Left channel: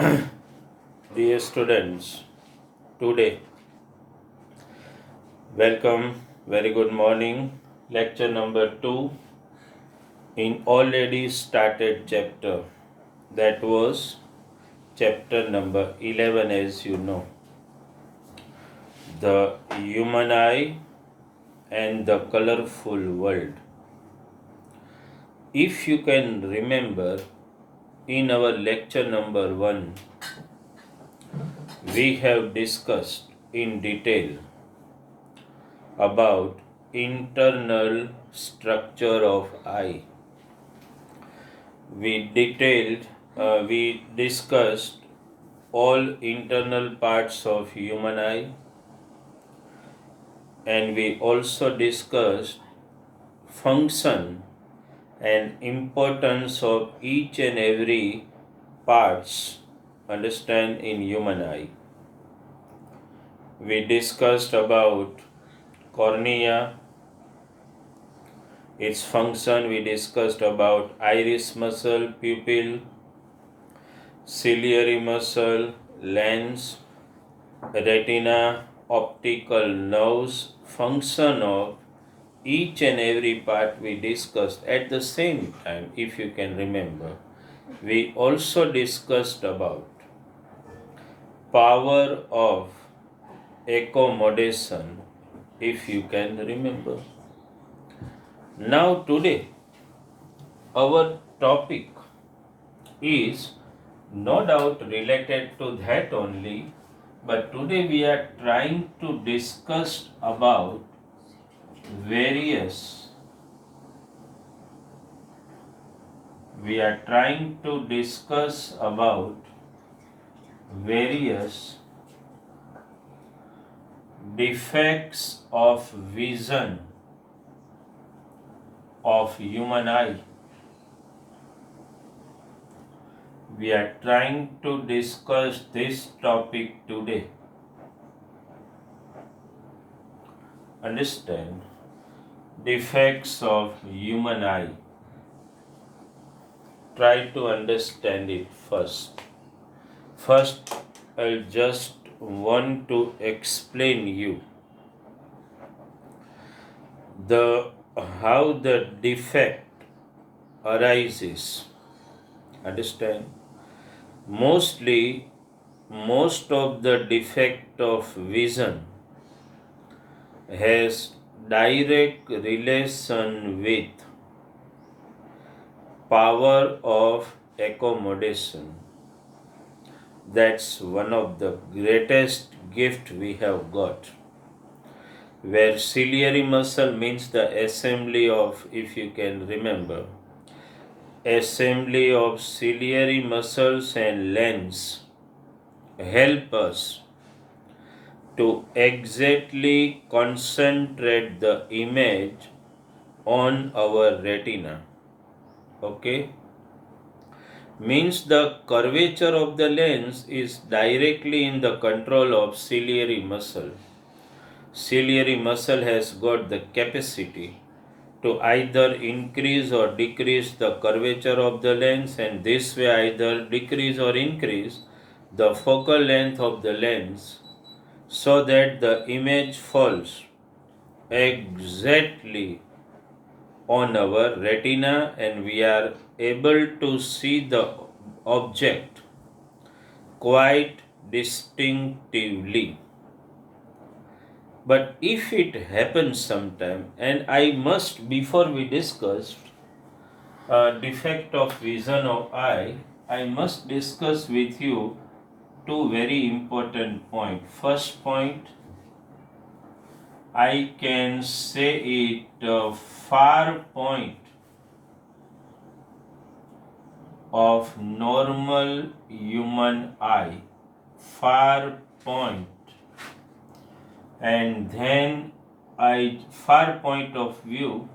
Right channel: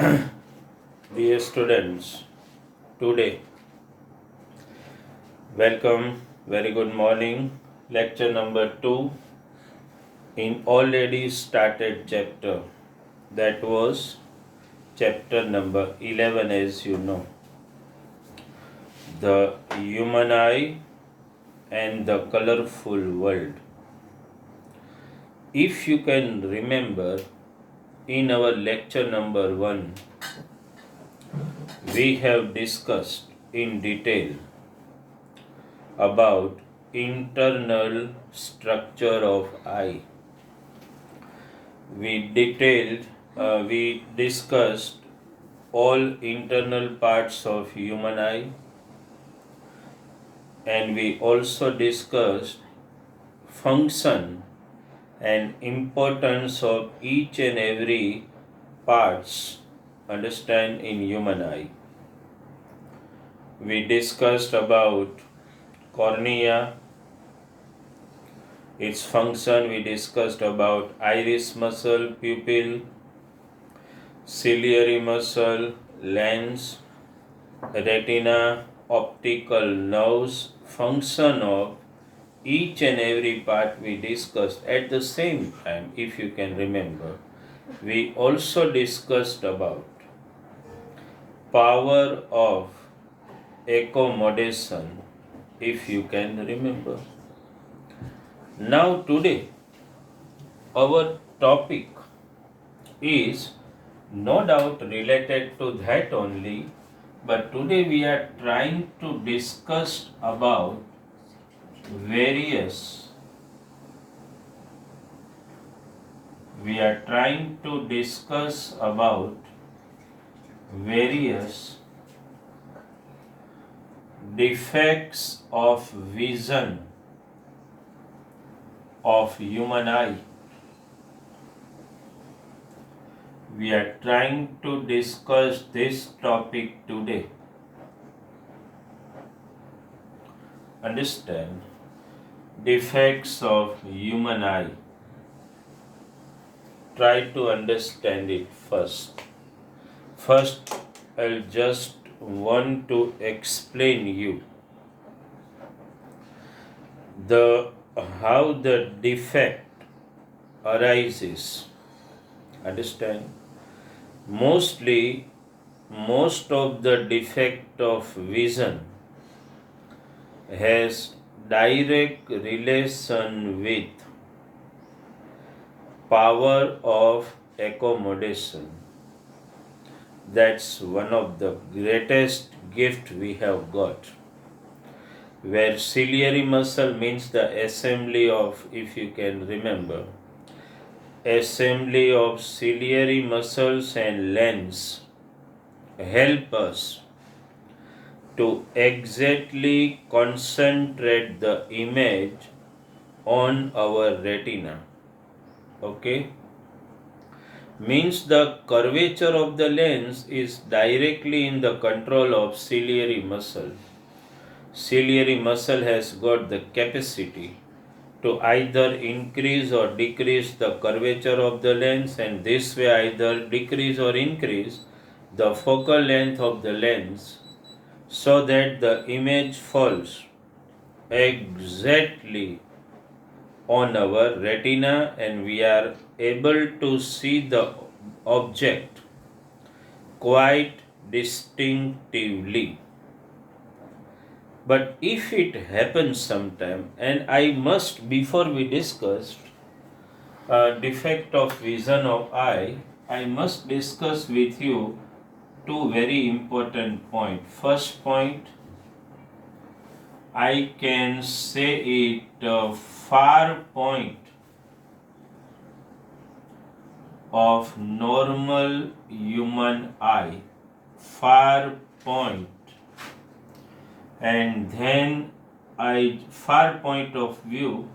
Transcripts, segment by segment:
Dear students, today, welcome, very good morning. Lecture number 2 in already started chapter. That was chapter number 11, as you know. The human eye and the colorful world. If you can remember, in our lecture number 1, we have discussed in detail about internal structure of eye. We discussed all internal parts of human eye, and we also discussed function and importance of each and every parts understand in human eye. We discussed about cornea, its function. We discussed about iris muscle, pupil, ciliary muscle, lens, retina, optical nerves, function of each and every part we discussed at the same time, if you can remember. We also discussed about power of accommodation, if you can remember. Now today, our topic is no doubt related to that only, but today we are trying to discuss about various we are trying to discuss about various defects of vision of human eye. We are trying to discuss this topic today. Understand? Defects of human eye. Try to understand it first. First, I'll just want to explain you the how the defect arises. Understand? Most of the defect of vision has direct relation with power of accommodation. That's one of the greatest gift we have got. Where ciliary muscle means the assembly of, if you can remember, assembly of ciliary muscles and lens help us to exactly concentrate the image on our retina. Okay? Means the curvature of the lens is directly in the control of ciliary muscle. Ciliary muscle has got the capacity to either increase or decrease the curvature of the lens, and this way either decrease or increase the focal length of the lens so that the image falls exactly on our retina and we are able to see the object quite distinctively. But if it happens sometime, and I must, before we discuss defect of vision of eye, I must discuss with you two very important points. First point, I can say it far point of normal human eye, far point, and then far point of view.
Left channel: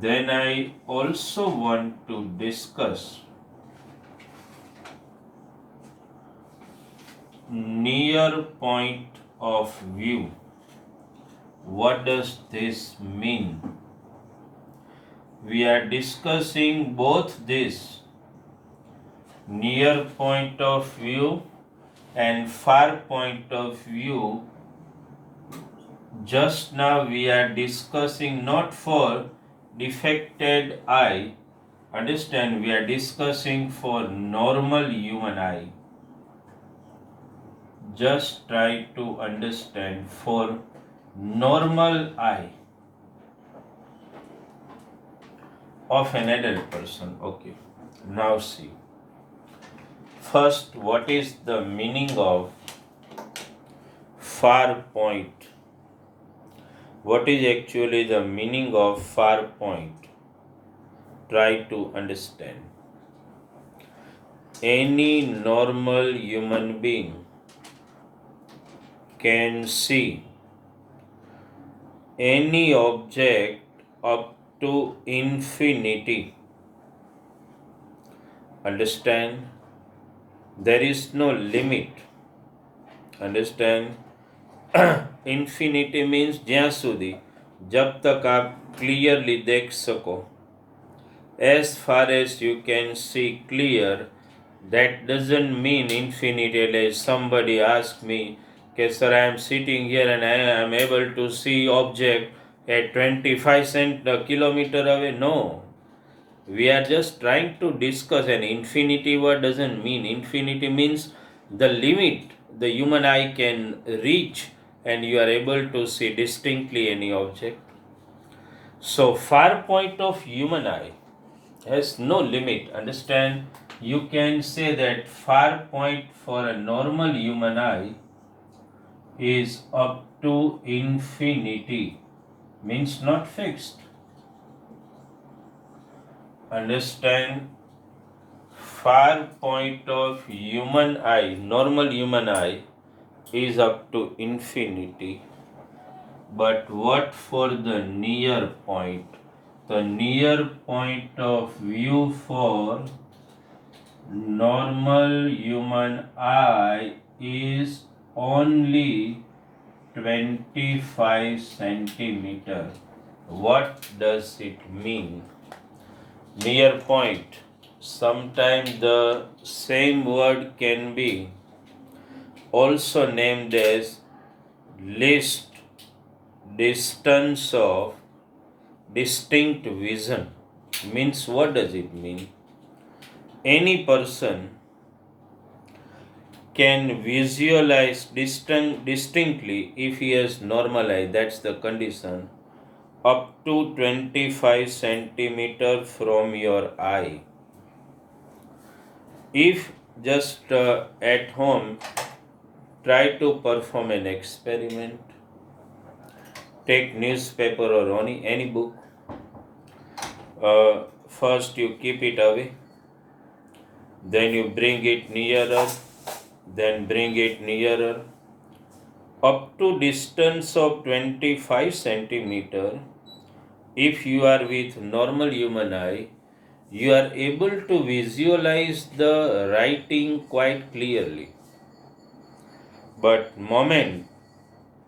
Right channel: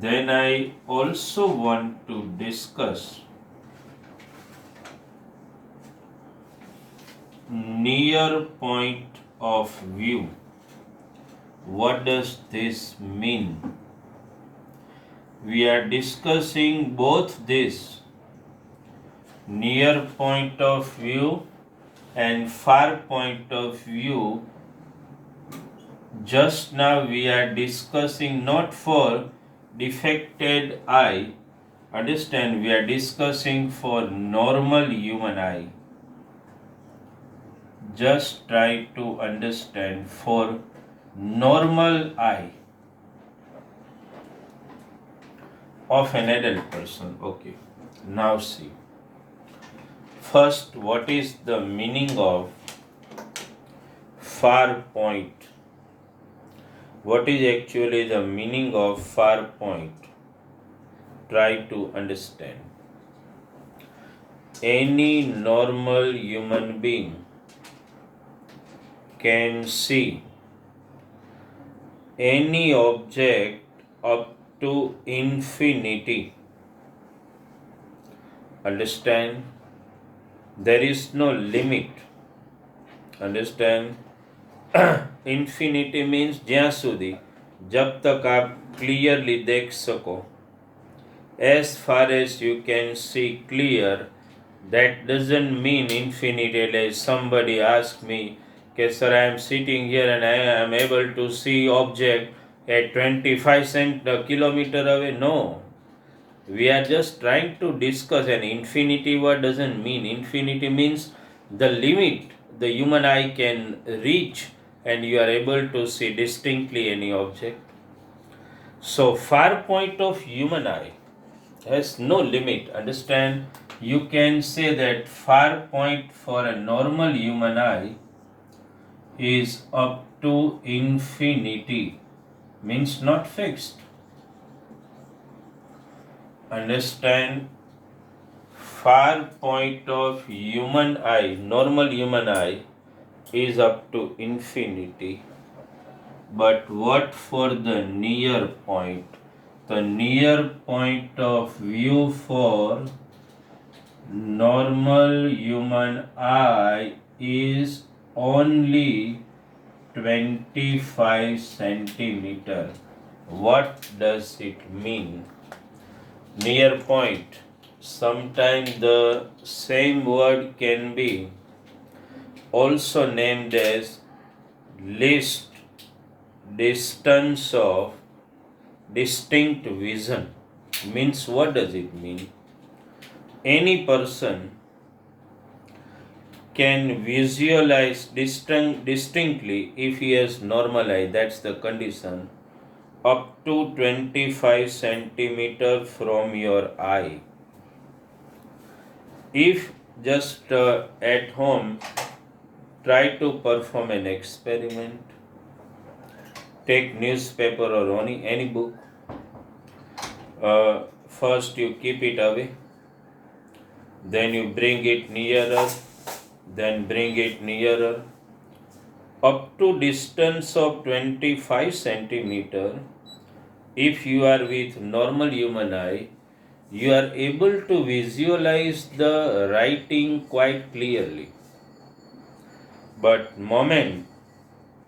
Then I also want to discuss near point of view. What does this mean? We are discussing both this near point of view and far point of view. Just now we are discussing not for defected eye. Understand, we are discussing for normal human eye. Just try to understand for normal eye of an adult person. Okay. Now see. First, what is the meaning of far point? What is actually the meaning of far point? Try to understand. Any normal human being can see any object up to infinity. Understand? There is no limit. Understand? Infinity means જ્યાં સુધી जब तक आप clearly देख सको. As far as you can see clear, that doesn't mean infinity. Like somebody asked me, okay, sir, I am sitting here and I am able to see object at 25 kilometer away. No. We are just trying to discuss an infinity word doesn't mean. Infinity means the limit the human eye can reach and you are able to see distinctly any object. So far point of human eye has no limit. Understand? You can say that far point for a normal human eye is up to infinity, means not fixed. Understand? Far point of human eye, normal human eye, is up to infinity. But what for the near point? The near point of view for normal human eye is only 25 centimeter. What does it mean? Near point. Sometimes the same word can be also named as least distance of distinct vision. Means what does it mean? Any person can visualize distinctly if he has normal eye, that's the condition, up to 25 centimeter from your eye. If just at home try to perform an experiment, take newspaper or any book, first you keep it away, then you bring it nearer, then bring it nearer, up to distance of 25 centimeter. If you are with normal human eye, you are able to visualize the writing quite clearly. But moment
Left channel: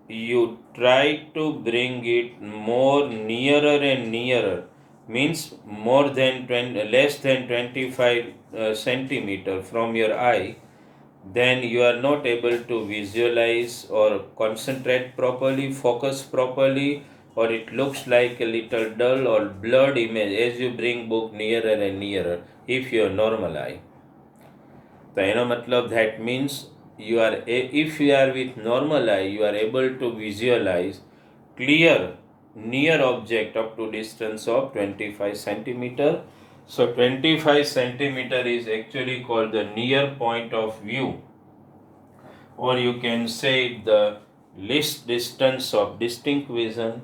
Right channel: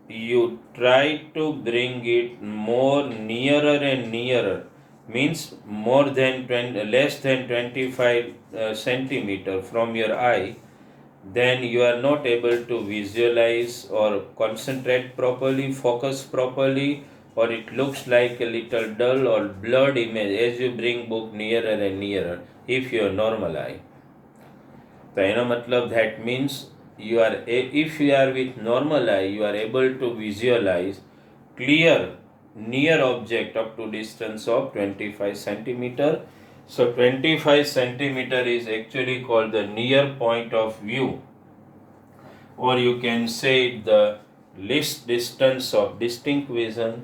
you try to bring it more nearer and nearer, means more than less than 25 centimeter from your eye, then you are not able to visualize or concentrate properly, focus properly, or it looks like a little dull or blurred image as you bring book nearer and nearer if your normal eye. તો એનો મતલબ that means if you are with normal eye, you are able to visualize clear near object up to distance of 25 centimeter. So 25 centimeter is actually called the near point of view, or you can say the least distance of distinct vision.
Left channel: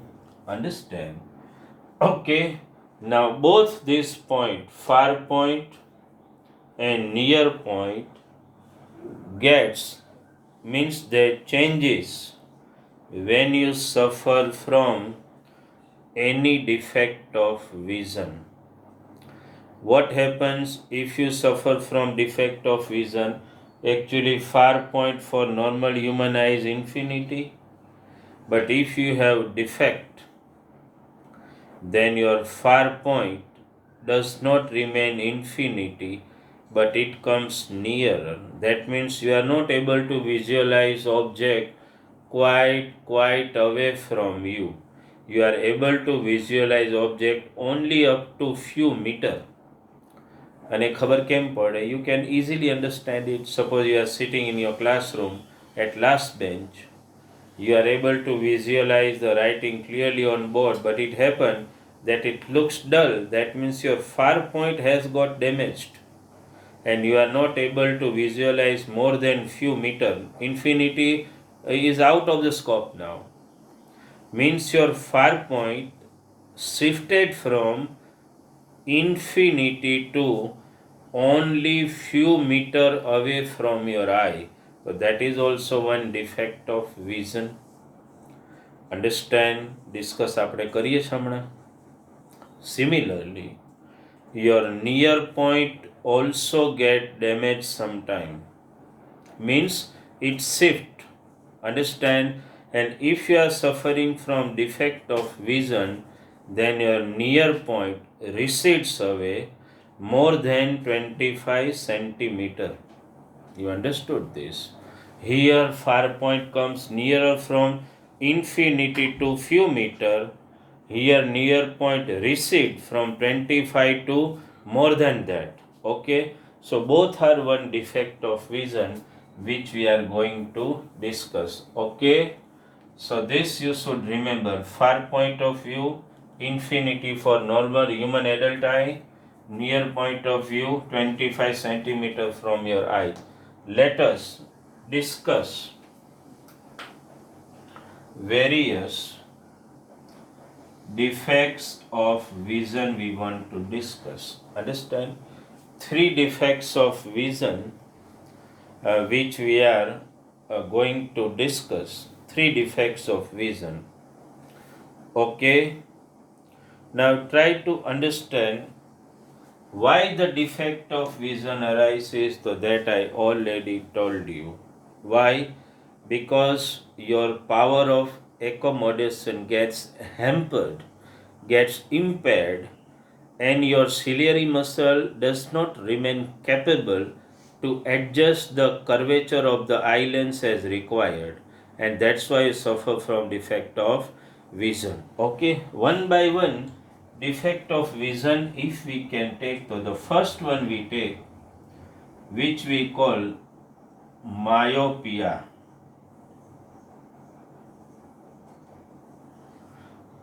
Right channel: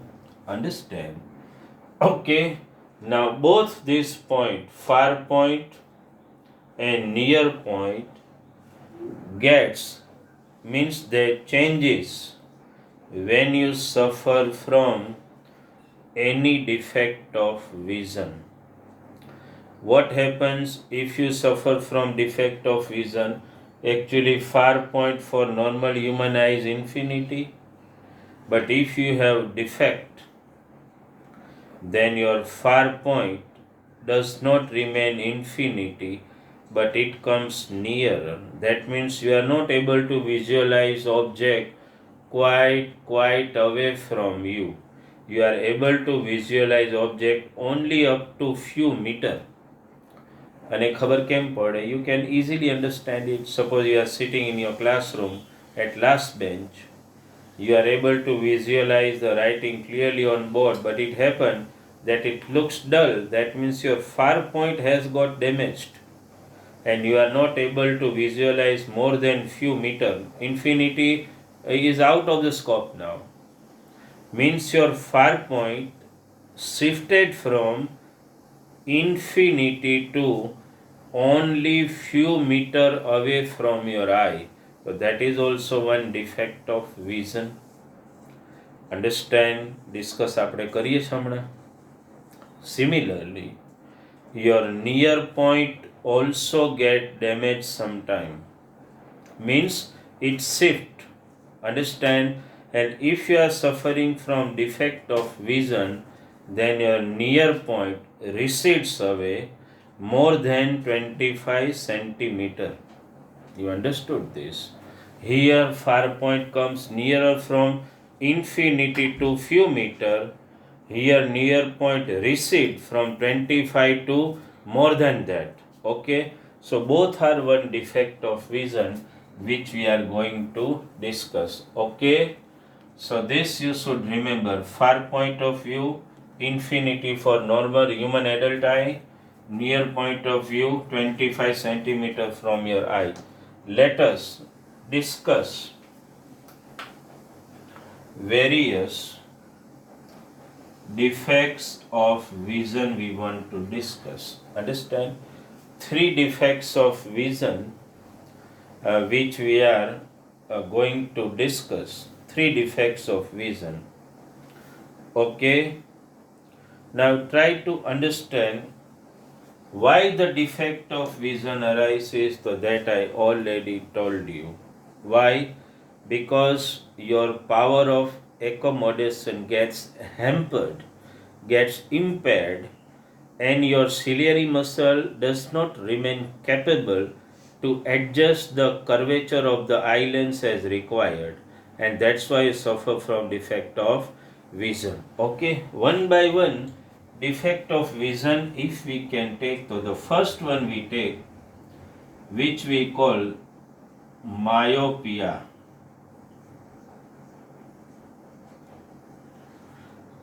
Understand? Okay, now both this point, far point and near point, gets means that changes when you suffer from any defect of vision. What happens if you suffer from defect of vision? Actually far point for normal human eye is infinity, but if you have defect, then your far point does not remain infinity. but it comes nearer. That means you are not able to visualize object quite away from you. You are able to visualize object only up to few meter. અને ખબર કેમ પડે? You can easily understand it. Suppose you are sitting in your classroom at last bench. You are able to visualize the writing clearly on board, but it happened that it looks dull. That means your far point has got damaged and you are not able to visualize more than few meter. Infinity is out of the scope now. Means your far point shifted from infinity to only few meter away from your eye. So that is also one defect of vision. Understand? Discuss આપણે કરીએ છીએ હમણાં. Similarly, your near point also get damaged sometime. Means it shift. Understand? And if you are suffering from defect of vision, then your near point recedes away more than 25 centimeter. You understood this? Here far point comes nearer from infinity to few meter. Here near point recede from 25 to more than that. Okay, so both are one defect of vision which we are going to discuss. Okay, so this you should remember. Far point of view, infinity for normal human adult eye, near point of view 25 centimeter from your eye. Let us discuss various defects of vision we want to discuss. Understand? 3 defects of vision which we are going to discuss. 3 defects of vision. Okay, now try to understand why the defect of vision arises. So that I already told you. Why? Because your power of accommodation gets hampered, gets impaired, and your ciliary muscle does not remain capable to adjust the curvature of the eye lens as required, and that's why you suffer from defect of vision. Okay, one by one defect of vision if we can take. So the first one we take, which we call myopia,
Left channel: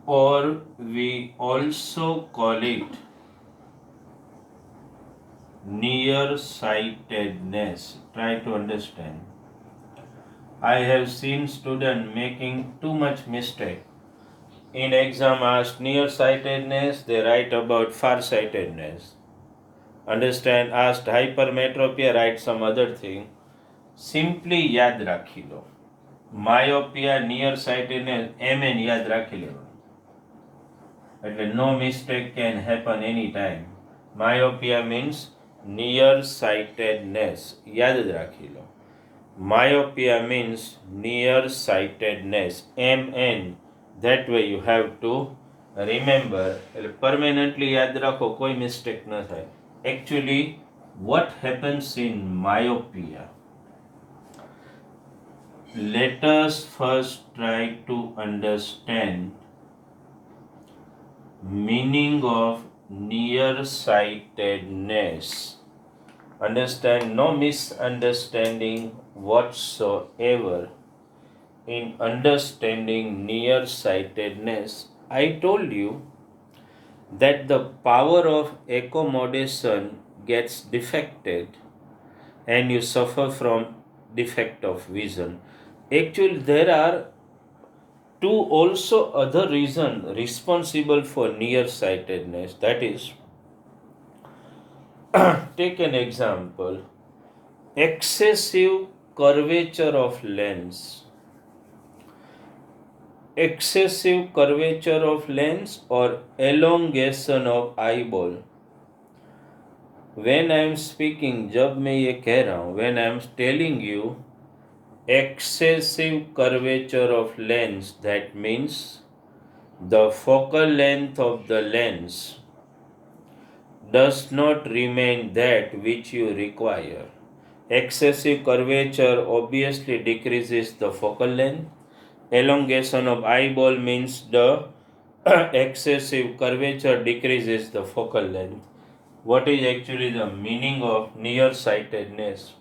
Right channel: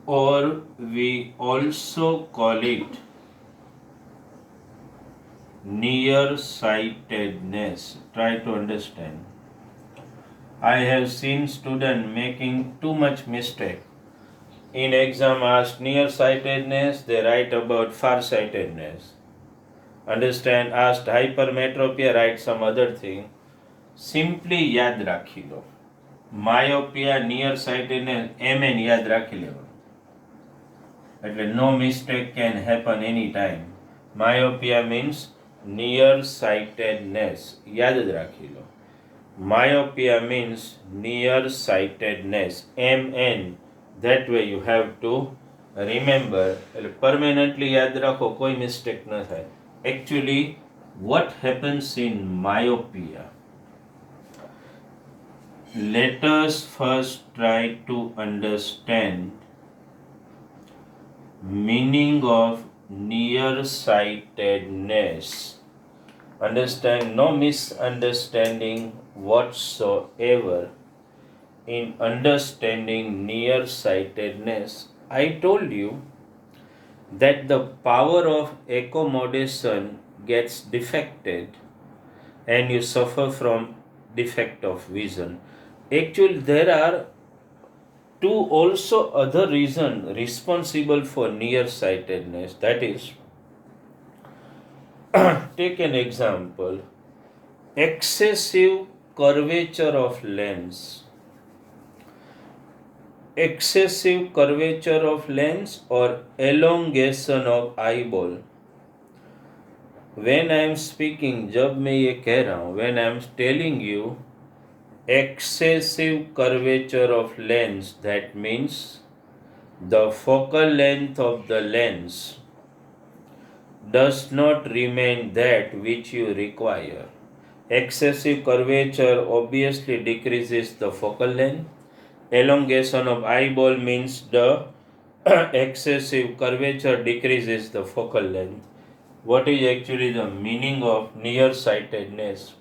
or we also call it nearsightedness. Try to understand. I have seen students making too much mistake. In exam asked nearsightedness, they write about farsightedness. Understand? Asked hypermetropia, write some other thing. Simply યાદ રાખી લો. Myopia, nearsightedness, MN યાદ રાખી લેવાનું. એટલે no mistake can happen anytime. Myopia means nearsightedness. યાદ જ રાખી લો. Myopia means nearsightedness. MN. That way you have to remember. Permanently યાદ રાખો, કોઈ mistake ન થાય. Actually, what happens in myopia? Let us first try to understand meaning of nearsightedness. Understand? No misunderstanding whatsoever in understanding nearsightedness. I told you that the power of accommodation gets defected and you suffer from defect of vision. Actually, there are 2 also other reasons responsible for nearsightedness. That is, take an example, excessive curvature of lens. Excessive curvature of lens or elongation of eyeball. When I am speaking, जब मैं ये कह रहा हूँ, when I am telling you excessive curvature of lens, that means the focal length of the lens does not remain that which you require. Excessive curvature obviously decreases the focal length. Elongation of eyeball means the excessive curvature decreases the focal length. What is actually the meaning of nearsightedness?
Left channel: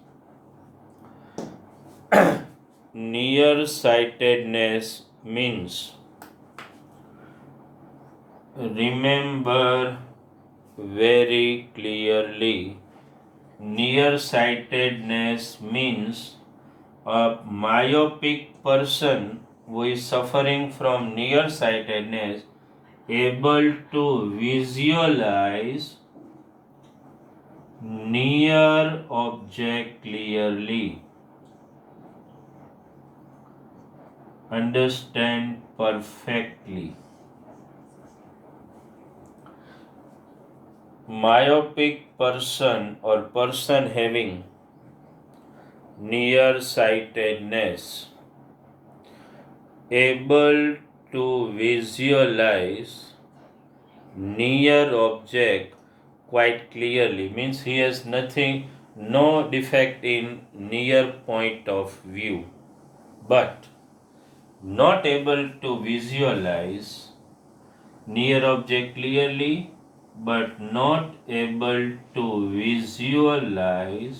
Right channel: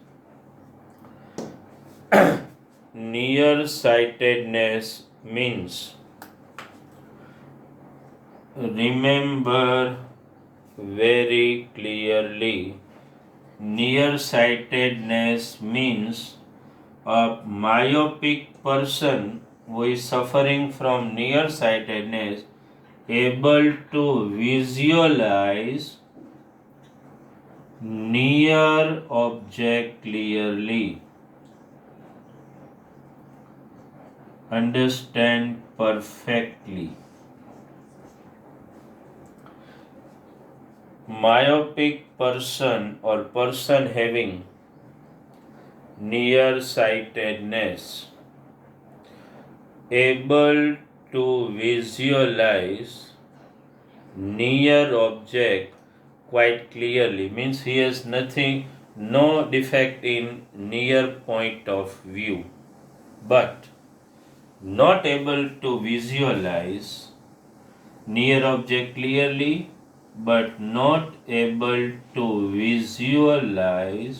Nearsightedness means, remember very clearly, nearsightedness means a myopic person who is suffering from nearsightedness able to visualize near object clearly, understand perfectly. Myopic person or person having nearsightedness able to visualize near object quite clearly means he has nothing, no defect in near point of view, but not able to visualize near object clearly, but not able to visualize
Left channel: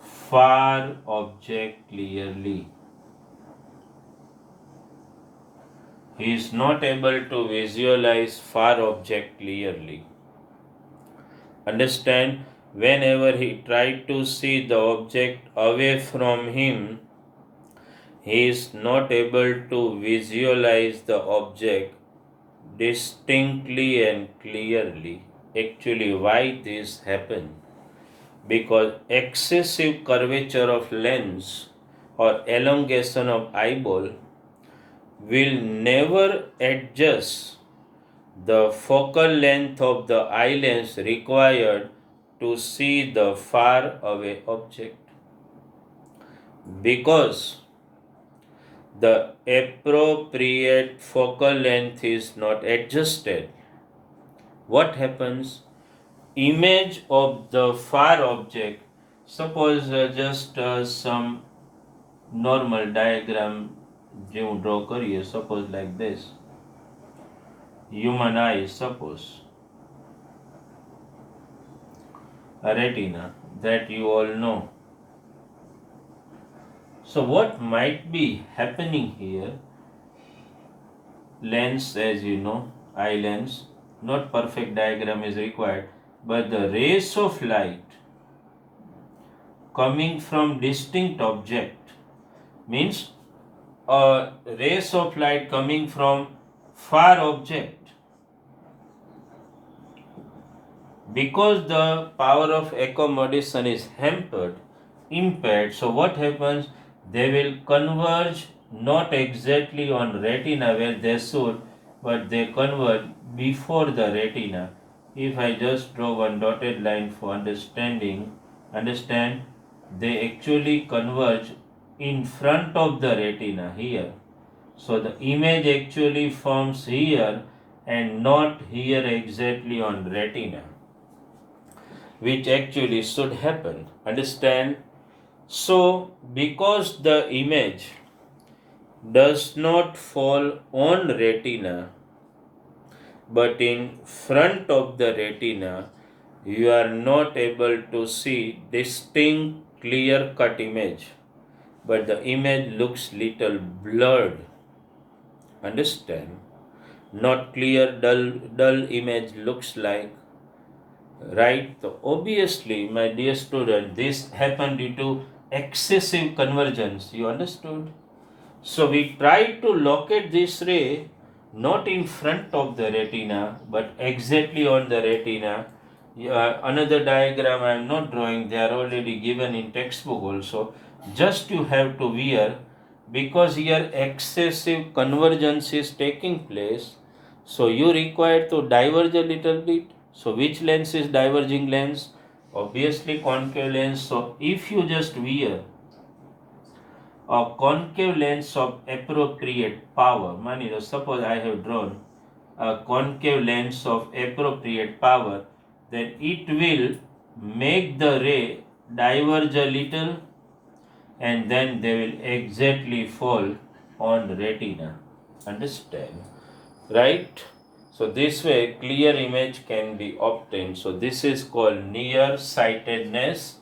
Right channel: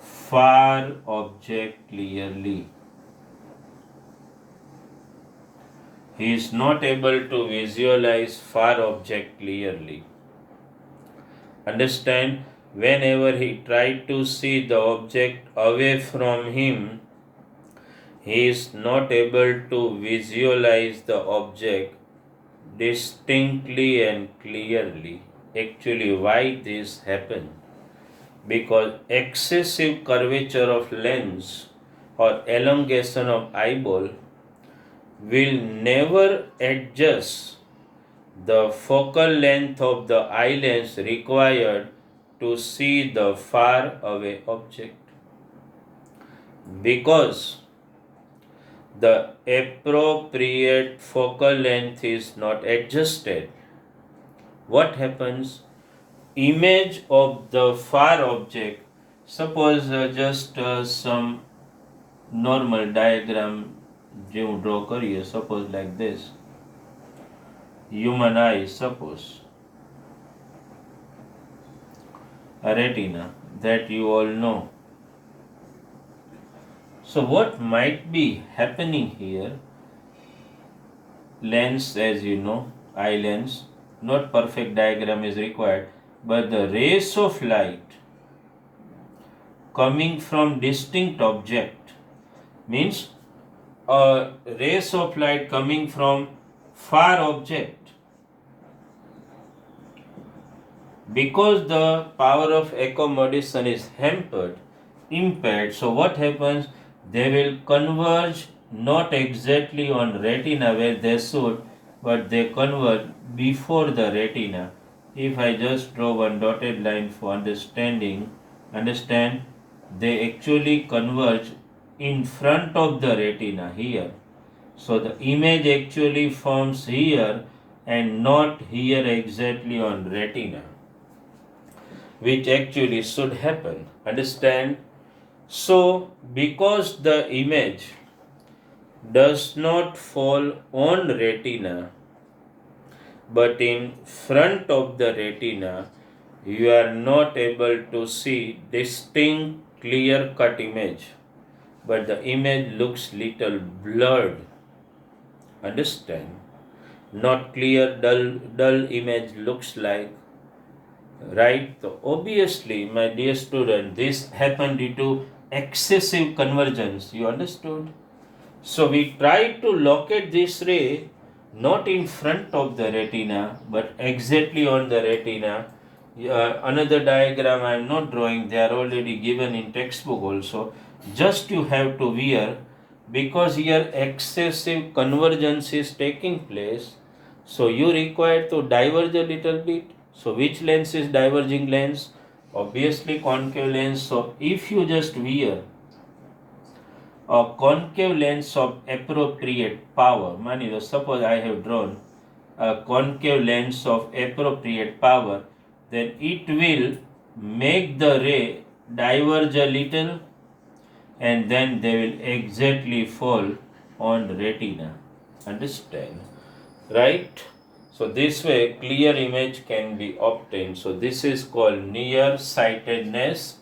far object clearly. He is not able to visualize far object clearly. Understand, whenever he tried to see the object away from him, he is not able to visualize the object distinctly and clearly. Actually, why this happens? Because excessive curvature of lens or elongation of eyeball will never adjust the focal length of the eye lens required to see the far away object, because the appropriate focal length is not adjusted. What happens? Image of the far object, suppose just some normal diagram જે હું draw કરીએ, suppose like this, human eye, suppose a retina that you all know. So what might be happening here? Lens, as you know, eye lens, not perfect diagram is required, but the rays of light coming from distinct object means a rays of light coming from far object, because the power of accommodation is impaired, so what happens? They will converge not exactly on retina where they should, but they converge before the retina. If I just draw one dotted line for understand, they actually converge in front of the retina here. So the image actually forms here and not here exactly on retina, which actually should happen. Understand? So, because the image does not fall on retina but in front of the retina, you are not able to see distinct clear cut image, but the image looks little blurred. Understand? Not clear, dull image looks like, right? So obviously, my dear student, this happened due to excessive convergence. You understood? So we try to locate this ray not in front of the retina but exactly on the retina. Another diagram I am not drawing, they are already given in textbook also. Just you have to wear, because here excessive convergence is taking place, so you require to diverge a little bit. So which lens is diverging lens? Obviously concave lens. So if you just wear a concave lens of appropriate power, suppose I have drawn a concave lens of appropriate power, then it will make the ray diverge a little and then they will exactly fall on retina. Understand? Right? So this way clear image can be obtained. So this is called nearsightedness,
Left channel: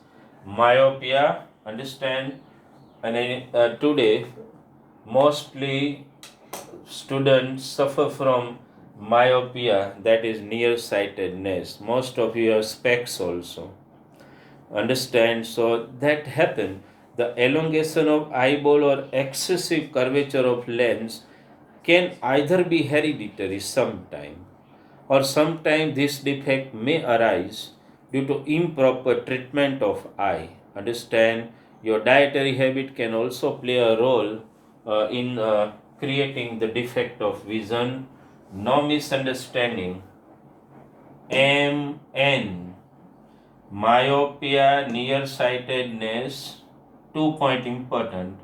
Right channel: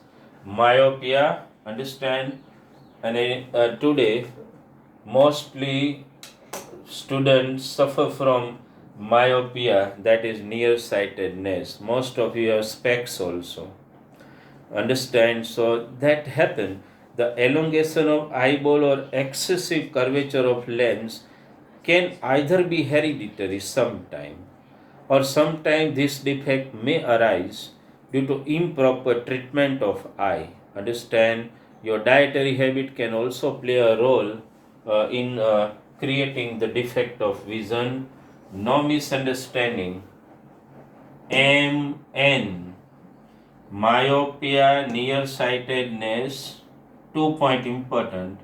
myopia. Understand? And today mostly students suffer from myopia, that is nearsightedness. Most of you have specs also. Understand? So that happen. The elongation of eyeball or excessive curvature of lens can either be hereditary sometime or sometime this defect may arise due to improper treatment of eye. Understand? Your dietary habit can also play a role in creating the defect of vision. No misunderstanding. MN, myopia, nearsightedness. 2 point important.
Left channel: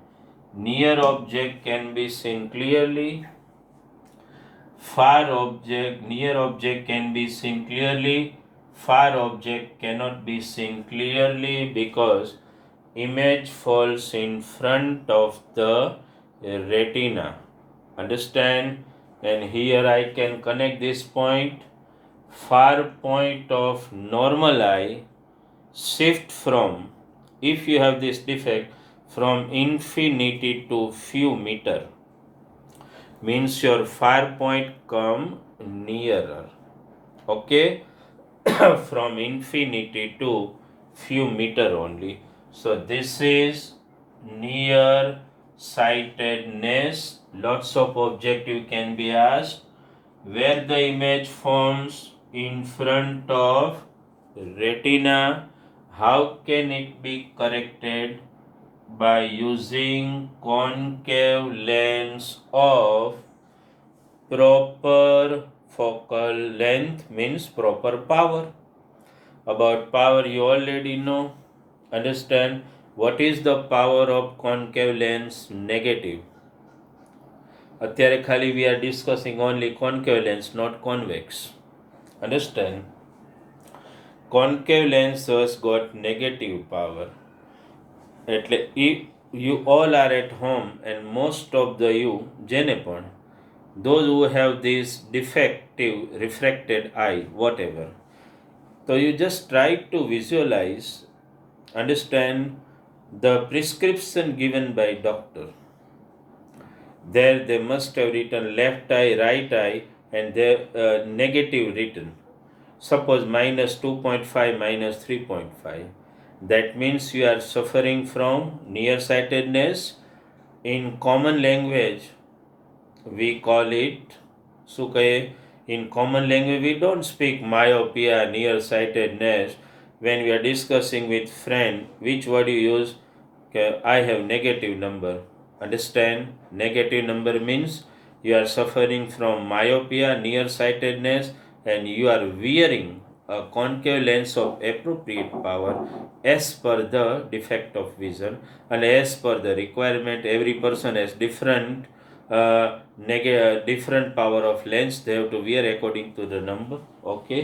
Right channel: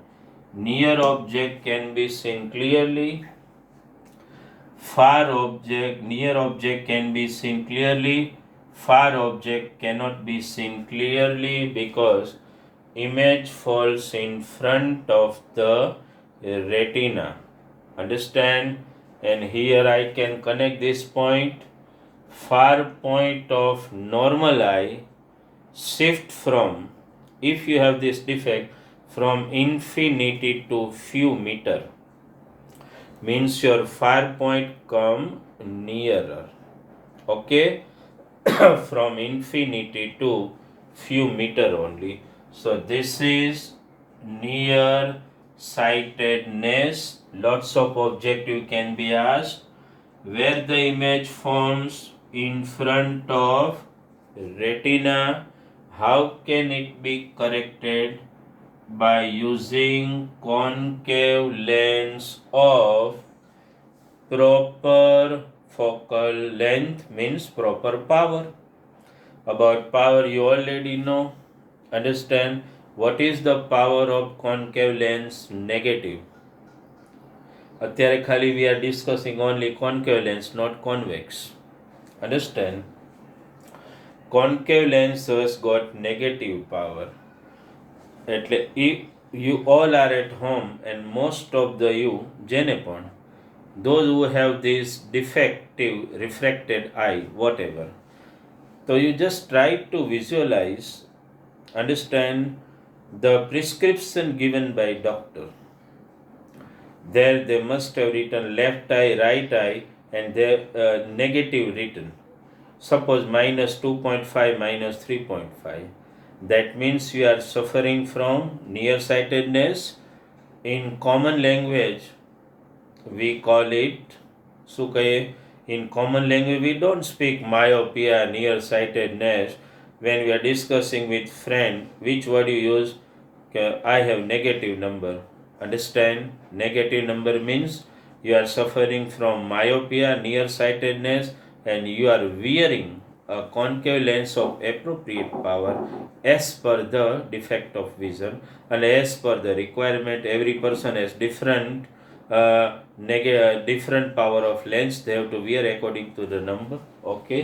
Near object can be seen clearly. Near object can be seen clearly. Far object cannot be seen clearly because image falls in front of the retina. Understand? And here I can connect this point. Far point of normal eye shift from, if you have this defect, from infinity to few meter, means your far point come nearer. Okay? From infinity to few meter only. So this is near sightedness. Lots of objective can be asked. Where the image forms in front of retina, how can it be corrected? By using concave lens of proper focal length, means proper power. About power you already know. Understand? What is the power of concave lens? Negative. અત્યારે ખાલી we are discussing only concave lens, not convex. Understand? Concave lens has got negative power. એટલે if you all are at home and most of the you જેને પણ, those who have this defective refracted eye, whatever, so you just try to visualize, understand the prescription given by doctor. There they must have written left eye, right eye, and their negative written. Suppose minus 2.5, minus 3.5. That means you are suffering from nearsightedness. In common language, we call it, શું કહીએ? In common language, we don't speak myopia, nearsightedness. When we are discussing with friend, which word you use? I have negative number. Understand? Negative number means you are suffering from myopia, nearsightedness, and you are wearing a concave lens of appropriate power as per the defect of vision and as per the requirement. Every person has different power of lens. They have to wear according to the number. Okay?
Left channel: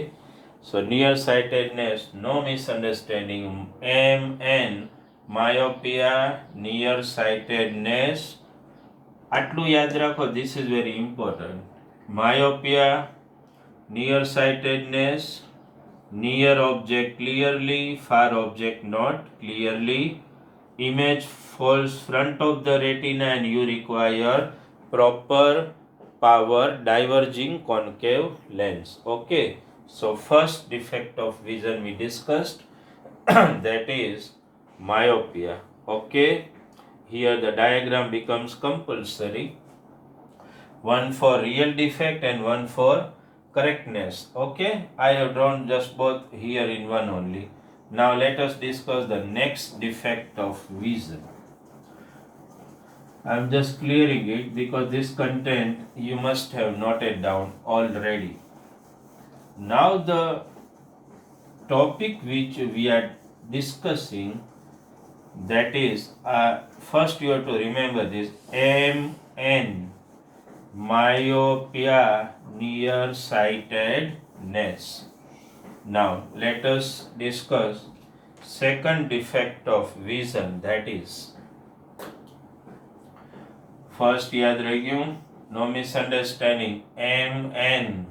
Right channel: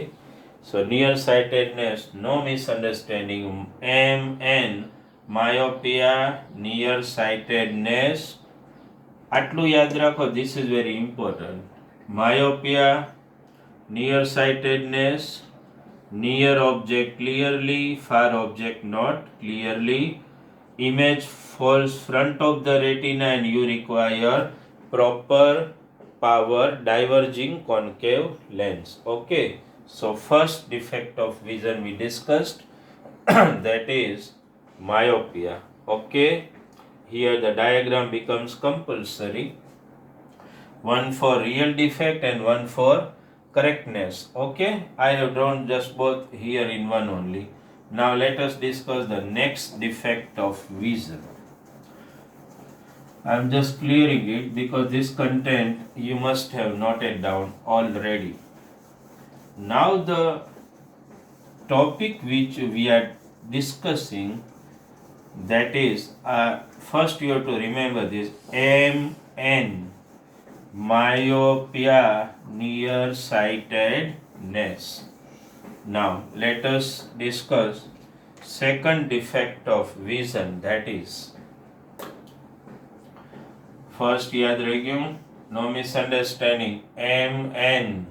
So nearsightedness, no misunderstanding. MN, myopia, nearsightedness. આટલું યાદ રાખો. This is very important. Myopia, nearsightedness, near object clearly, far object not clearly. Image falls front of the retina and you require proper power diverging concave lens. Okay? So first defect of vision we discussed, that is myopia. Okay? Here the diagram becomes compulsory. One for real defect and one for correctness. Okay? I have drawn just both here in one only. Now let us discuss the next defect of vision. I am just clearing it because this content you must have noted down already. Now the topic which we are discussing, that is, first you have to remember this MN, myopia, nearsightedness. Now let us discuss second defect of vision, that is first याद रखियो, no misunderstanding, MN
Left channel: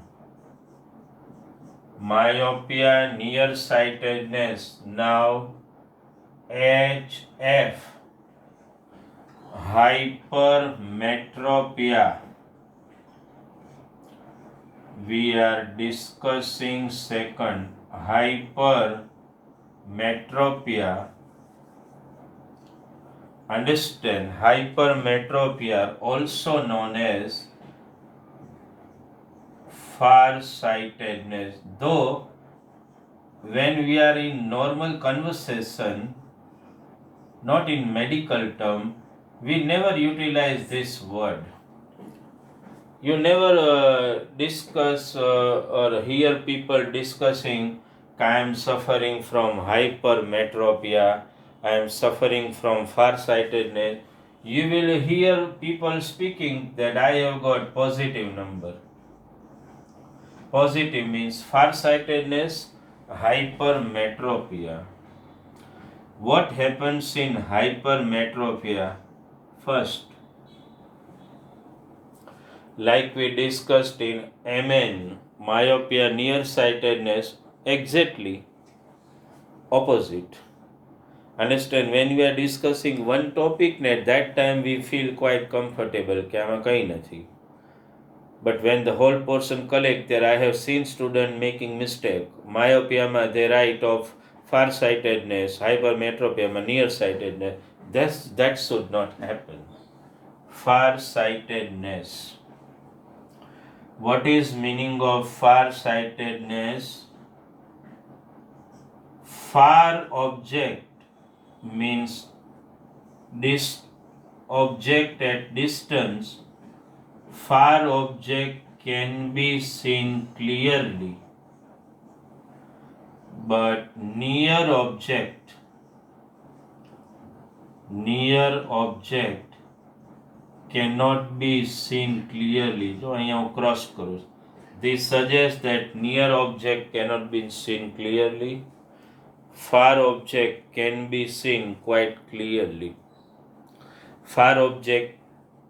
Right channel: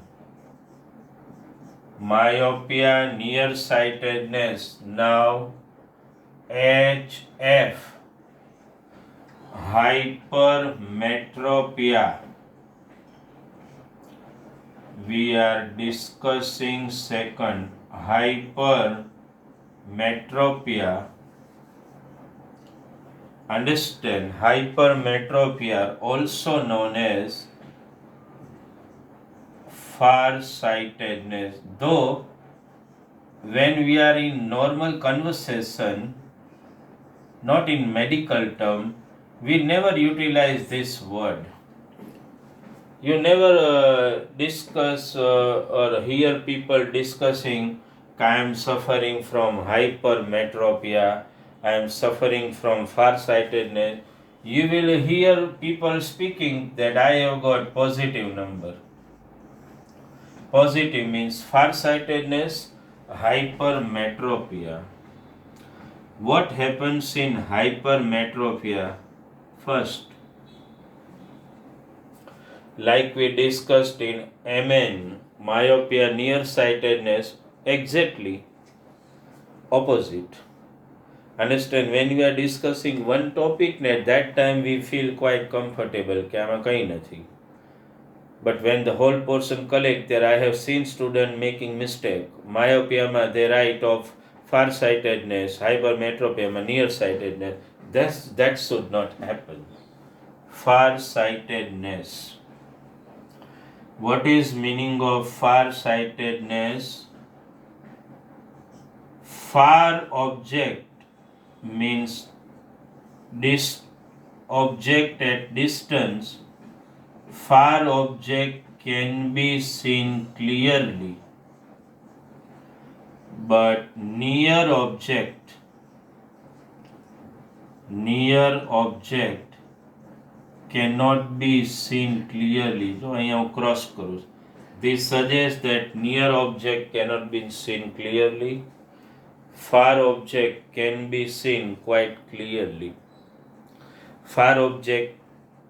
myopia, nearsightedness. Now HF hypermetropia. We are discussing second, hypermetropia. Understand, hypermetropia, also known as farsightedness. Though when we are in normal conversation, not in medical term, we never utilize this word. You never discuss or hear people discussing, I am suffering from hypermetropia, I am suffering from farsightedness. You will hear people speaking that I have got positive number. Positive means farsightedness, hypermetropia. What happens in hypermetropia? First, like we discussed in MN, myopia, nearsightedness, exactly opposite. Understand, when we are discussing one topic, at that time we feel quite comfortable કે આમાં કંઈ નથી. But when the whole portion collect, there I have seen student making mistake. Myopia they write of farsightedness, hypermetropia nearsightedness. That should not happen. Farsightedness. What is meaning of farsightedness? Far object means this object at distance. Far object can be seen clearly, but near object cannot be seen clearly. So I am cross करूँ. This suggests that near object cannot be seen clearly. Far object can be seen quite clearly. Far object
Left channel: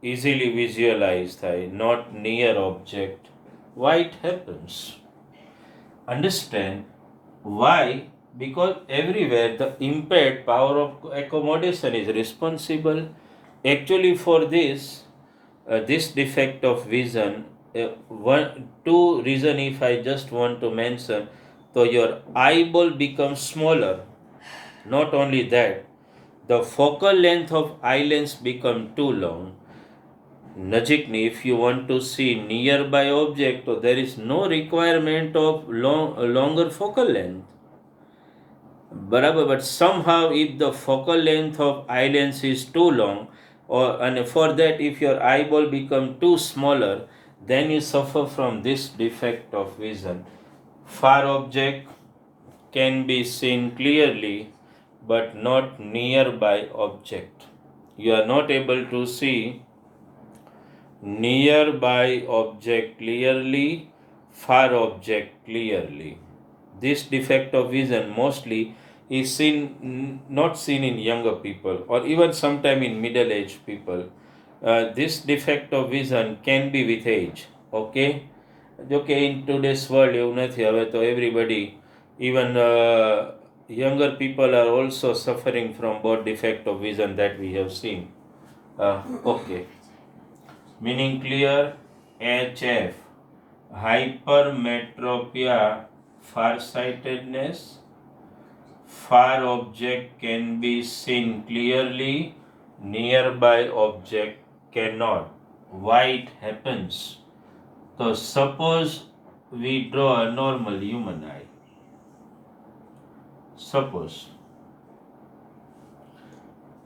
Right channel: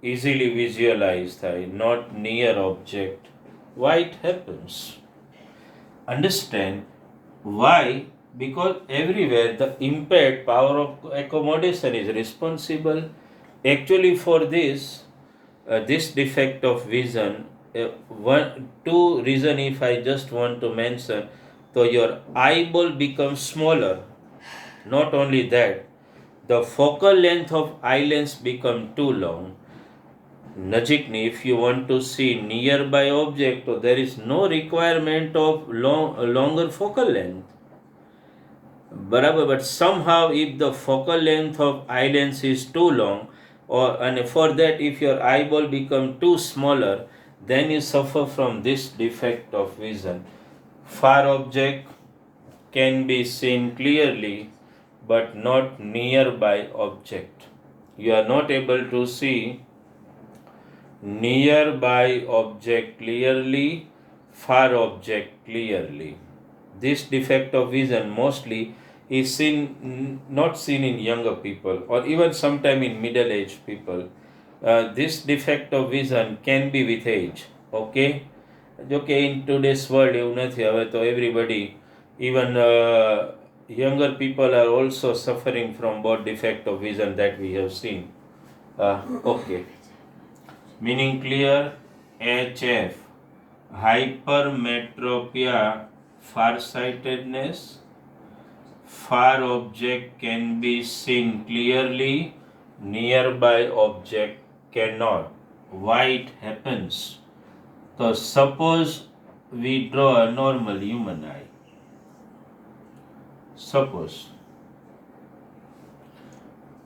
easily visualized, not near object. Why it happens? Understand why? Because everywhere the impaired power of accommodation is responsible. Actually, for this defect of vision, two reason if I just want to mention. So your eyeball becomes smaller. Not only that, the focal length of eye lens become too long. નજીકની, if you want to see nearby object, so there is no requirement of longer focal length. But somehow if the focal length of eye lens is too long, and for that if your eyeball become too smaller, then you suffer from this defect of vision. Far object can be seen clearly, but not nearby object. You are not able to see nearby object clearly, far object clearly. This defect of vision mostly is not seen in younger people or even sometime in middle-aged people. This defect of vision can be with age. Okay, okay, in today's world એવું નથી. હવે તો everybody, even younger people are also suffering from both defect of vision that we have seen. Okay, meaning clear. HF hypermetropia, farsightedness. Far object can be seen clearly, nearby object cannot. Why it happens? So suppose we draw a normal human eye. Suppose,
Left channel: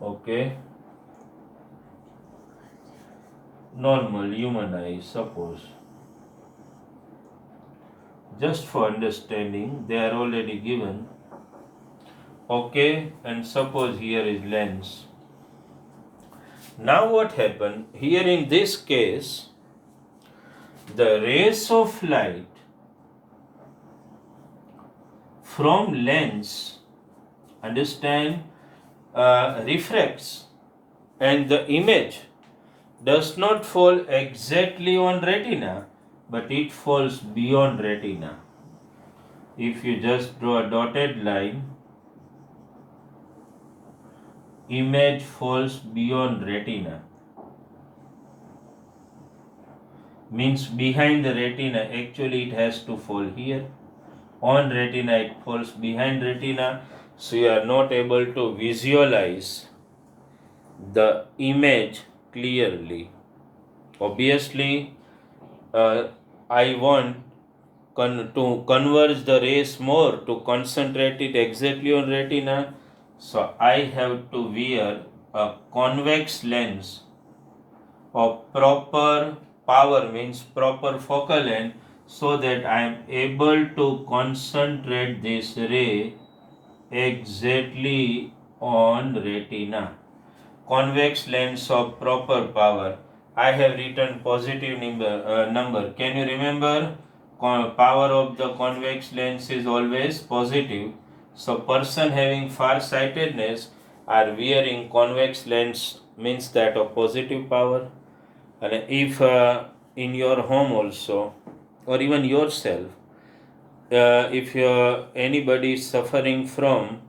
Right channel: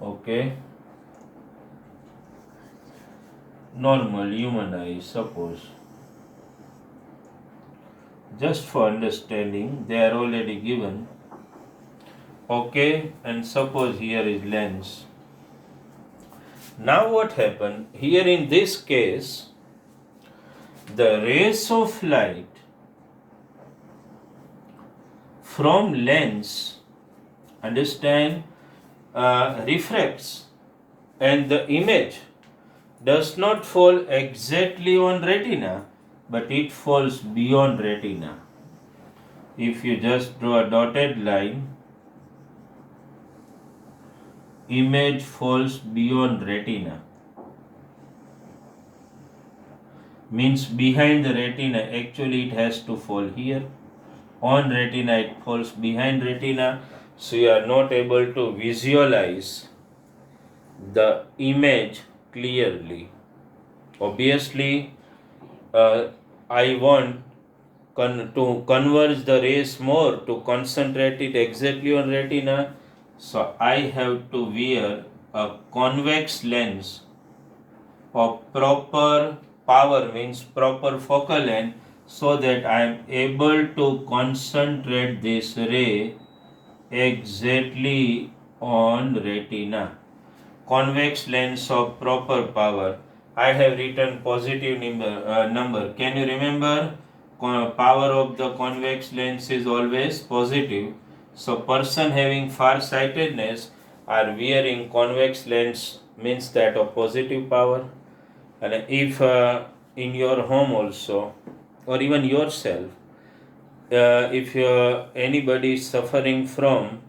okay, normal human eye, suppose. Just for understanding, they are already given. Okay, and suppose here is lens. Now what happened? Here in this case, the rays of light from lens, understand, refracts, and the image does not fall exactly on retina, but it falls beyond retina. If you just draw a dotted line, image falls beyond retina, means behind the retina. Actually it has to fall here. On retina it falls behind retina, so you are not able to visualize the image clearly. Obviously, I want to converge the rays more, to concentrate it exactly on retina, so I have to wear a convex lens of proper power, means proper focal length, so that I am able to concentrate this ray exactly on retina. Convex lens of proper power. I have written positive number. Can you remember? Power of the convex lens is always positive. So person having far-sightedness are wearing convex lens, means that of positive power. And if in your home also, or even yourself, if anybody is suffering from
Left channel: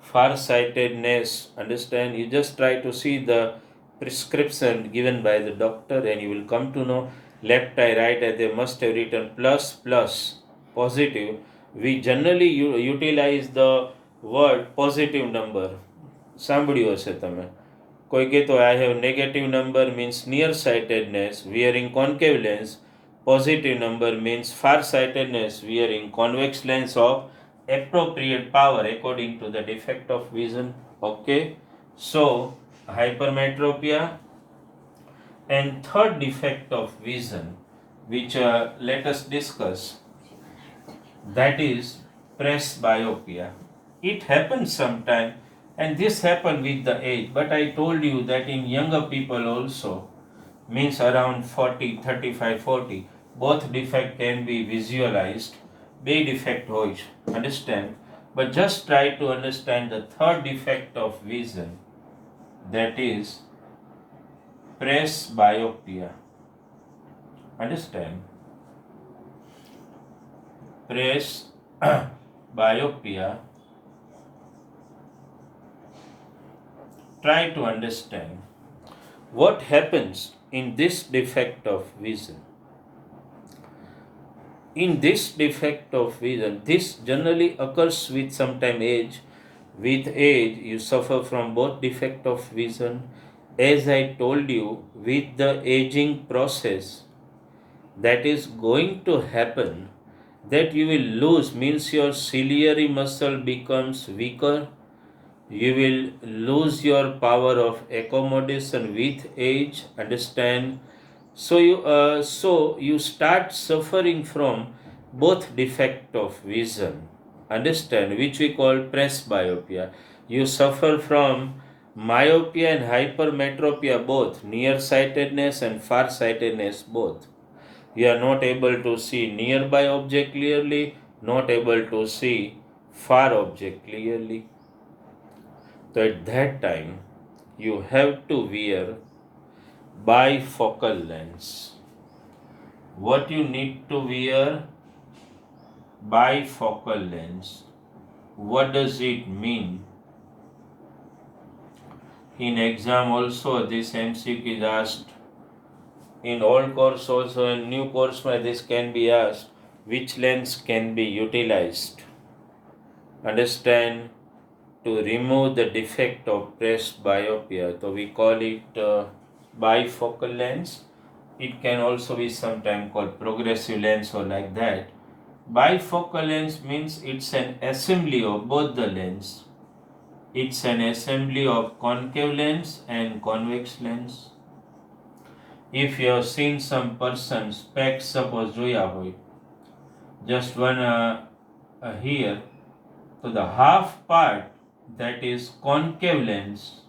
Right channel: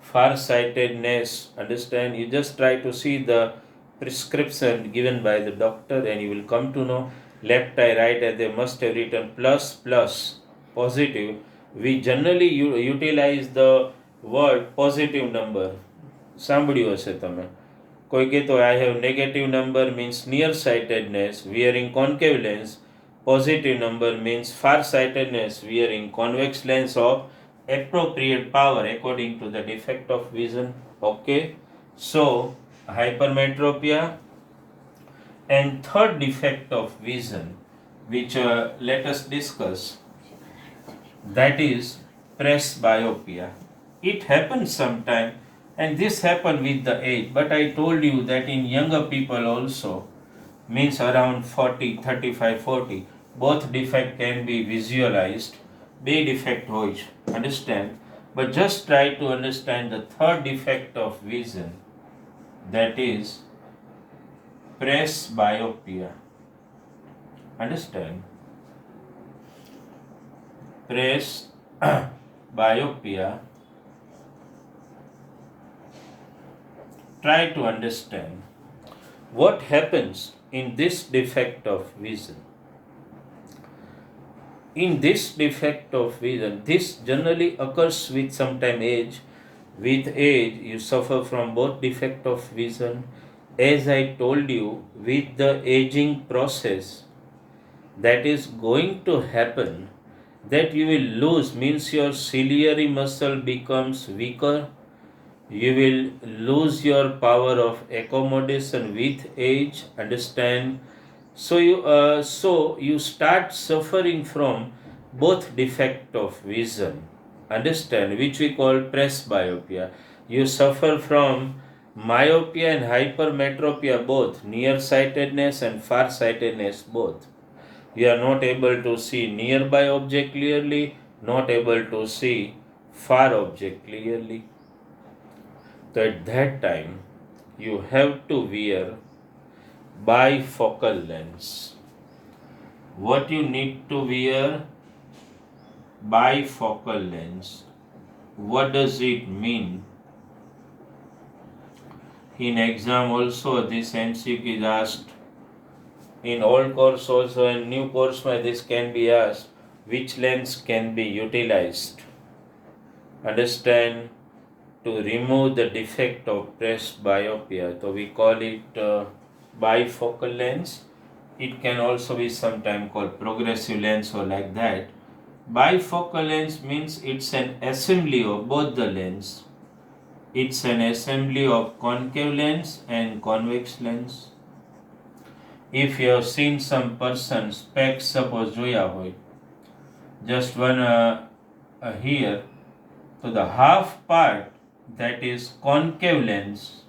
far-sightedness, understand, you just try to see the prescription given by the doctor and you will come to know left eye, right eye, they must have written plus plus positive. We generally utilize the word positive number. સાંભળ્યું હશે તમે. કોઈ કહેતો I have negative number means nearsightedness wearing concave lens. Positive number means far-sightedness wearing convex lens of appropriate power according to the defect of vision. Okay, so hypermetropia. And third defect of vision, which let us discuss, that is presbyopia. It happens sometime, and this happens with the age, but I told you that in younger people also, means around 40, 35, 40, both defect can be visualized. બે defect હોય છે, understand, but just try to understand the third defect of vision, that is presbyopia. Understand? Presbyopia. Try to understand what happens in this defect of vision. In this defect of vision, this generally occurs with sometime age. With age, you suffer from both defect of vision. As I told you, with the aging process that is going to happen, that you will lose, means your ciliary muscle becomes weaker. You will lose your power of accommodation with age, understand. So you start suffering from both defect of vision, understand, which we call presbyopia. You suffer from myopia and hypermetropia both, nearsightedness and farsightedness both. You are not able to see nearby object clearly, not able to see far object clearly. So at that time you have to wear bifocal lens. What you need to wear? Bifocal lens. What does it mean? In exam also this MCQ is asked. In old course also and new course this can be asked. Which lens can be utilized? Understand? To remove the defect of presbyopia. So we call it bifocal lens. It can also be sometimes called progressive lens or like that. Bifocal lens means it's an assembly of both the lens. It's an assembly of concave lens and convex lens. If you have seen some person specs suppose જોયા હોય, just one here, so the half part that is concave lens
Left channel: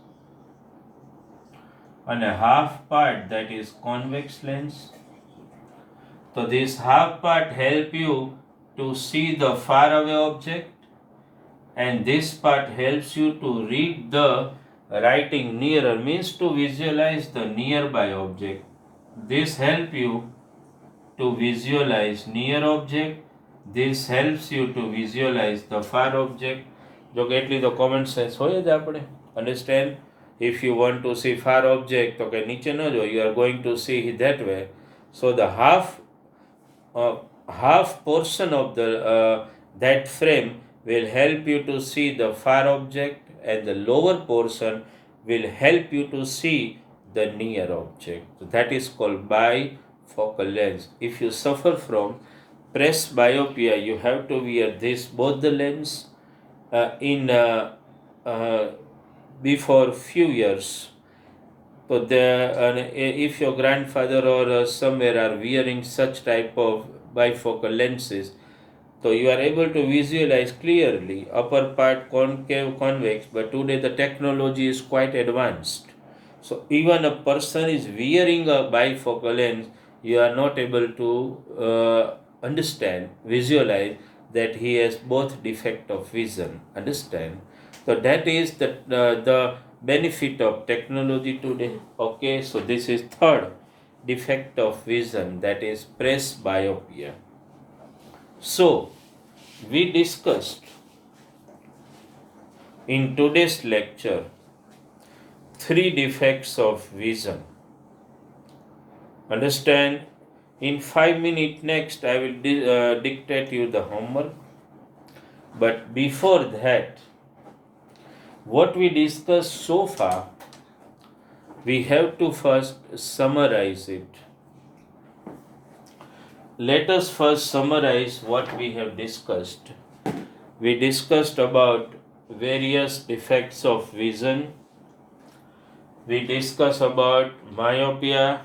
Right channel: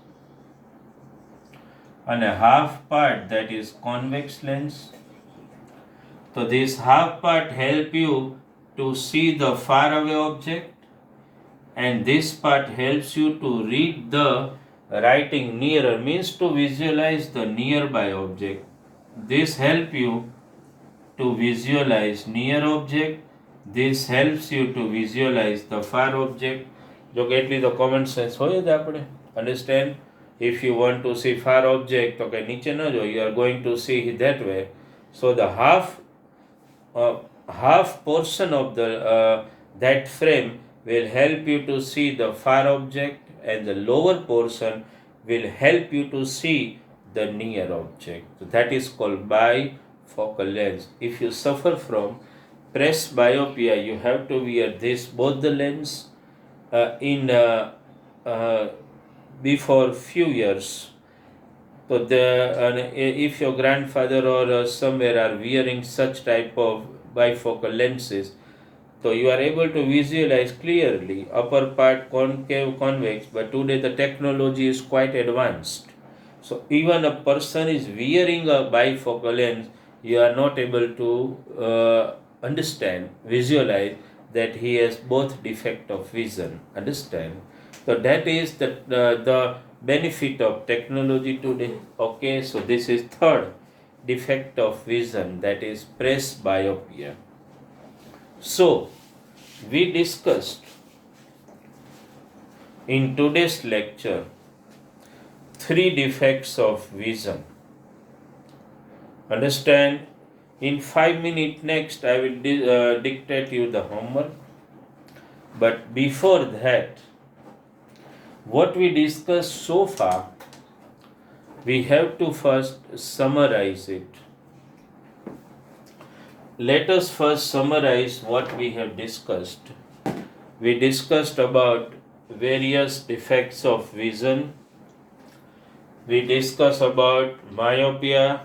and a half part that is convex lens. So this half part help you to see the far away object, and this part helps you to read the writing nearer, means to visualize the nearby object. This help you to visualize near object. This helps you to visualize the far object. જો કે એટલી તો common sense હોય જ આપણે understand. if you want to see far object તો કે નીચે ન જો, you are going to see that way. So the half portion of the that frame will help you to see the far object, and the lower portion will help you to see the near object. So that is called bifocal lens. If you suffer from presbyopia, you have to wear both the lens in before few years. So if your grandfather or somewhere are wearing such type of bifocal lenses, so you are able to visualize clearly upper part concave, convex. But today the technology is quite advanced. So even a person is wearing a bifocal lens, you are not able to understand, visualize that he has both defect of vision. Understand? So that is the benefit of technology today. Okay, so this is third defect of vision, that is presbyopia. So we discussed in today's lecture 3 defects of vision. Understand? In 5 minutes next I will dictate you the homework. But before that, what we discussed so far, we have to first summarize it. Let us first summarize what we have discussed. We discussed about various defects of vision. We discussed about myopia,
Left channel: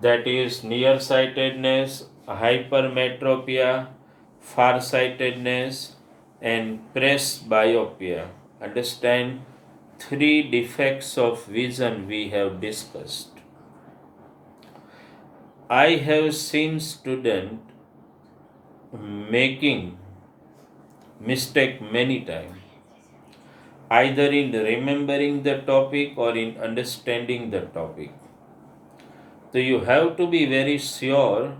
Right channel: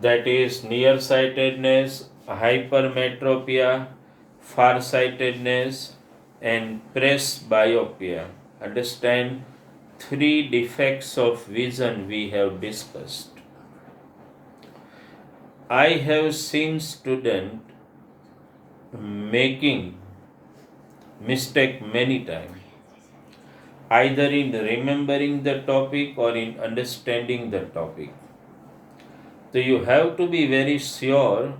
that is nearsightedness, hypermetropia, farsightedness, and presbyopia. Understand? 3 defects of vision we have discussed. I have seen students making mistake many times, either in remembering the topic or in understanding the topic. So you have to be very sure,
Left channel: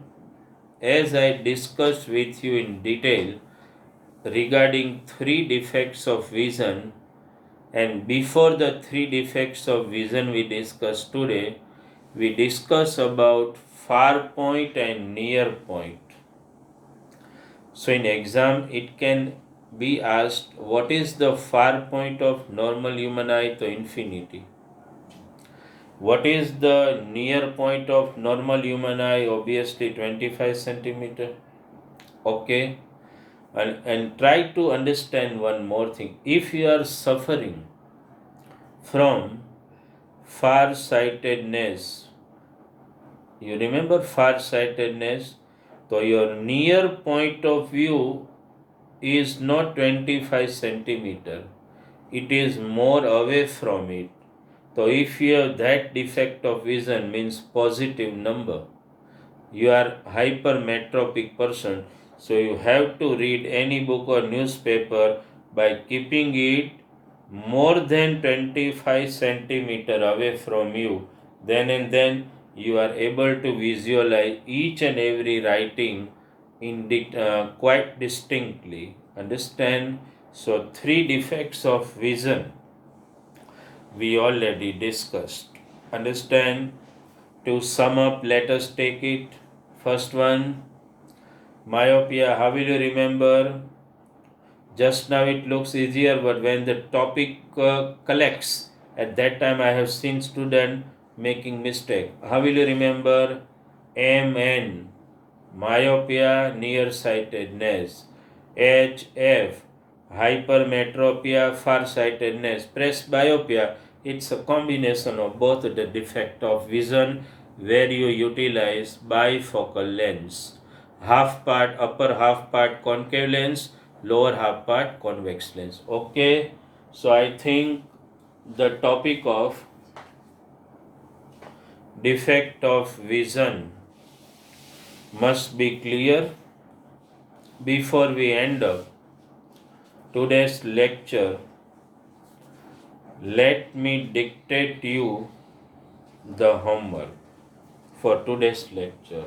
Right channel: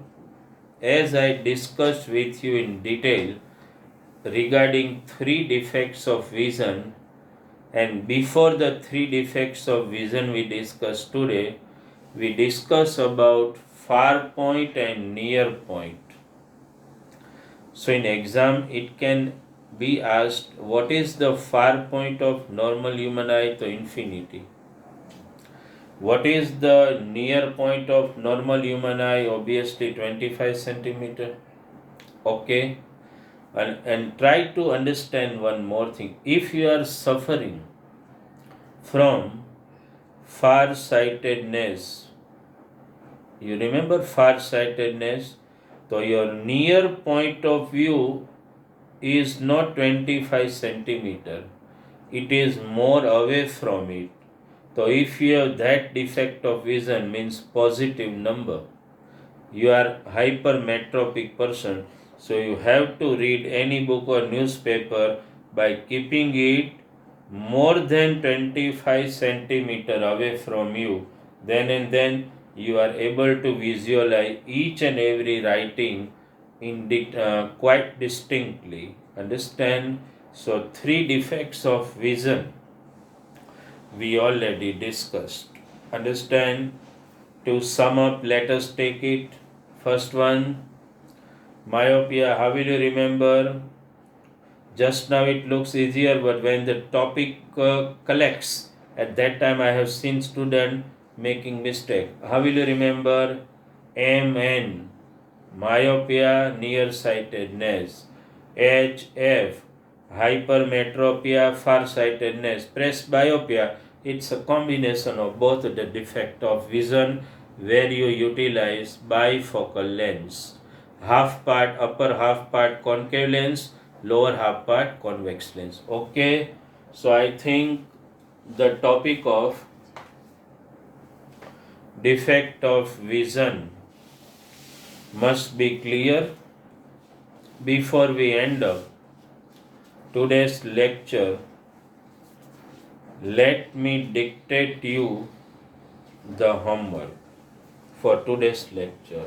as I discussed with you in detail regarding 3 defects of vision, and before the 3 defects of vision we discussed today, we discuss about far point and near point. So in exam it can be asked, what is the far point of normal human eye? To infinity. What is the near point of normal human eye? Obviously 25 centimeter. Okay. And try to understand one more thing. If you are suffering from far-sightedness, you remember far-sightedness? So your near point of view is not 25 centimeter. It is more away from it. So if you have that defect of vision, means positive number, you are hypermetropic person. So you have to read any book or newspaper by keeping it more than 25 centimeter away from you. Then and then you are able to visualize each and every writing quite distinctly. Understand? So 3 defects of vision we already discussed. Understand? To sum up, let us take it. First one, myopia. How will you remember? Just now it looks easier, but when the topic collects, at that time I have seen student making mistake. How will you remember? MN, myopia, nearsightedness. HF, hypermetropia, farsightedness. Presbyopia, it's a combination of both the defect of vision where you utilize bifocal lens. Upper half part concave lens, lower half part convex lens. Okay, so I think the topic of defect of vision must be clear. Before we end up today's lecture, let me dictate you the homework for today's lecture.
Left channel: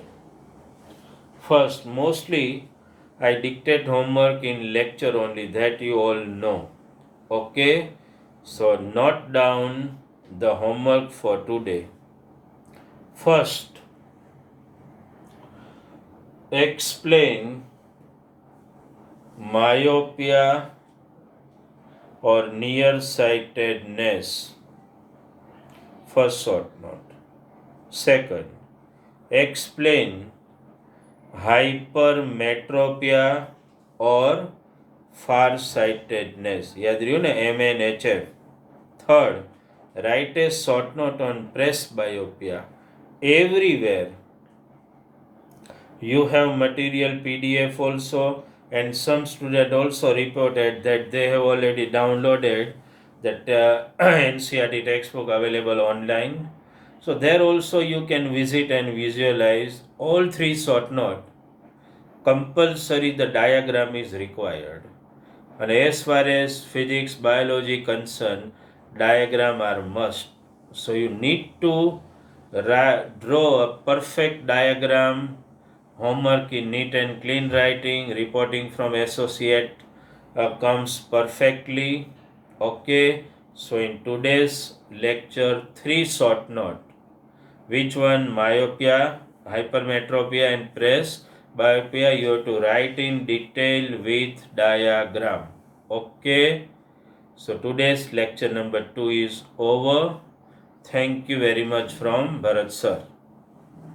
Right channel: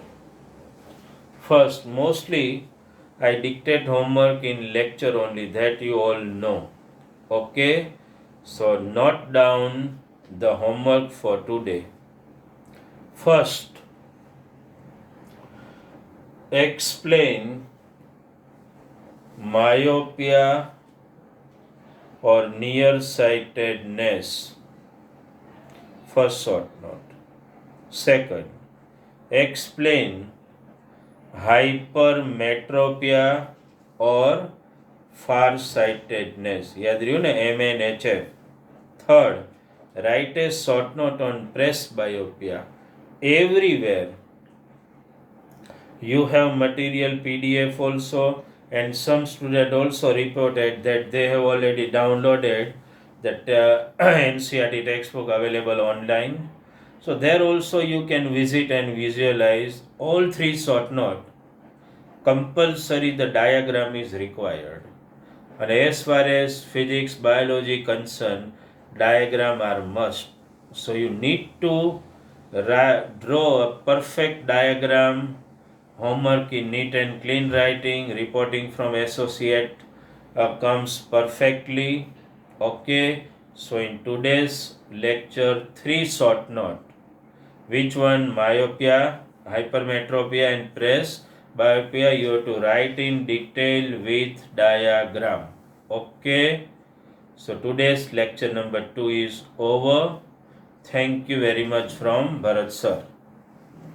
First, mostly I dictate homework in lecture only, that you all know. Okay? So, note down the homework for today. First, explain myopia or nearsightedness. First short note. Second, explain hypermetropia or farsightedness. याद रही ना MNHF. Third, write a short note on presbyopia. Everywhere you have material PDF also, and some student also reported that they have already downloaded that NCERT textbook available online. So there also you can visit and visualize all three short note. Compulsory the diagram is required. And as far as physics, biology concerned, diagram are must. So you need to draw a perfect diagram. Homework in neat and clean writing, reporting from associate comes perfectly. Okay, so in today's lecture, three short note. Which one? Myopia, hypermetropia, and presbyopia. You have to write in detail with diagram. Okay, so today's lecture number 2 is over. Thank you very much from Bharat sir.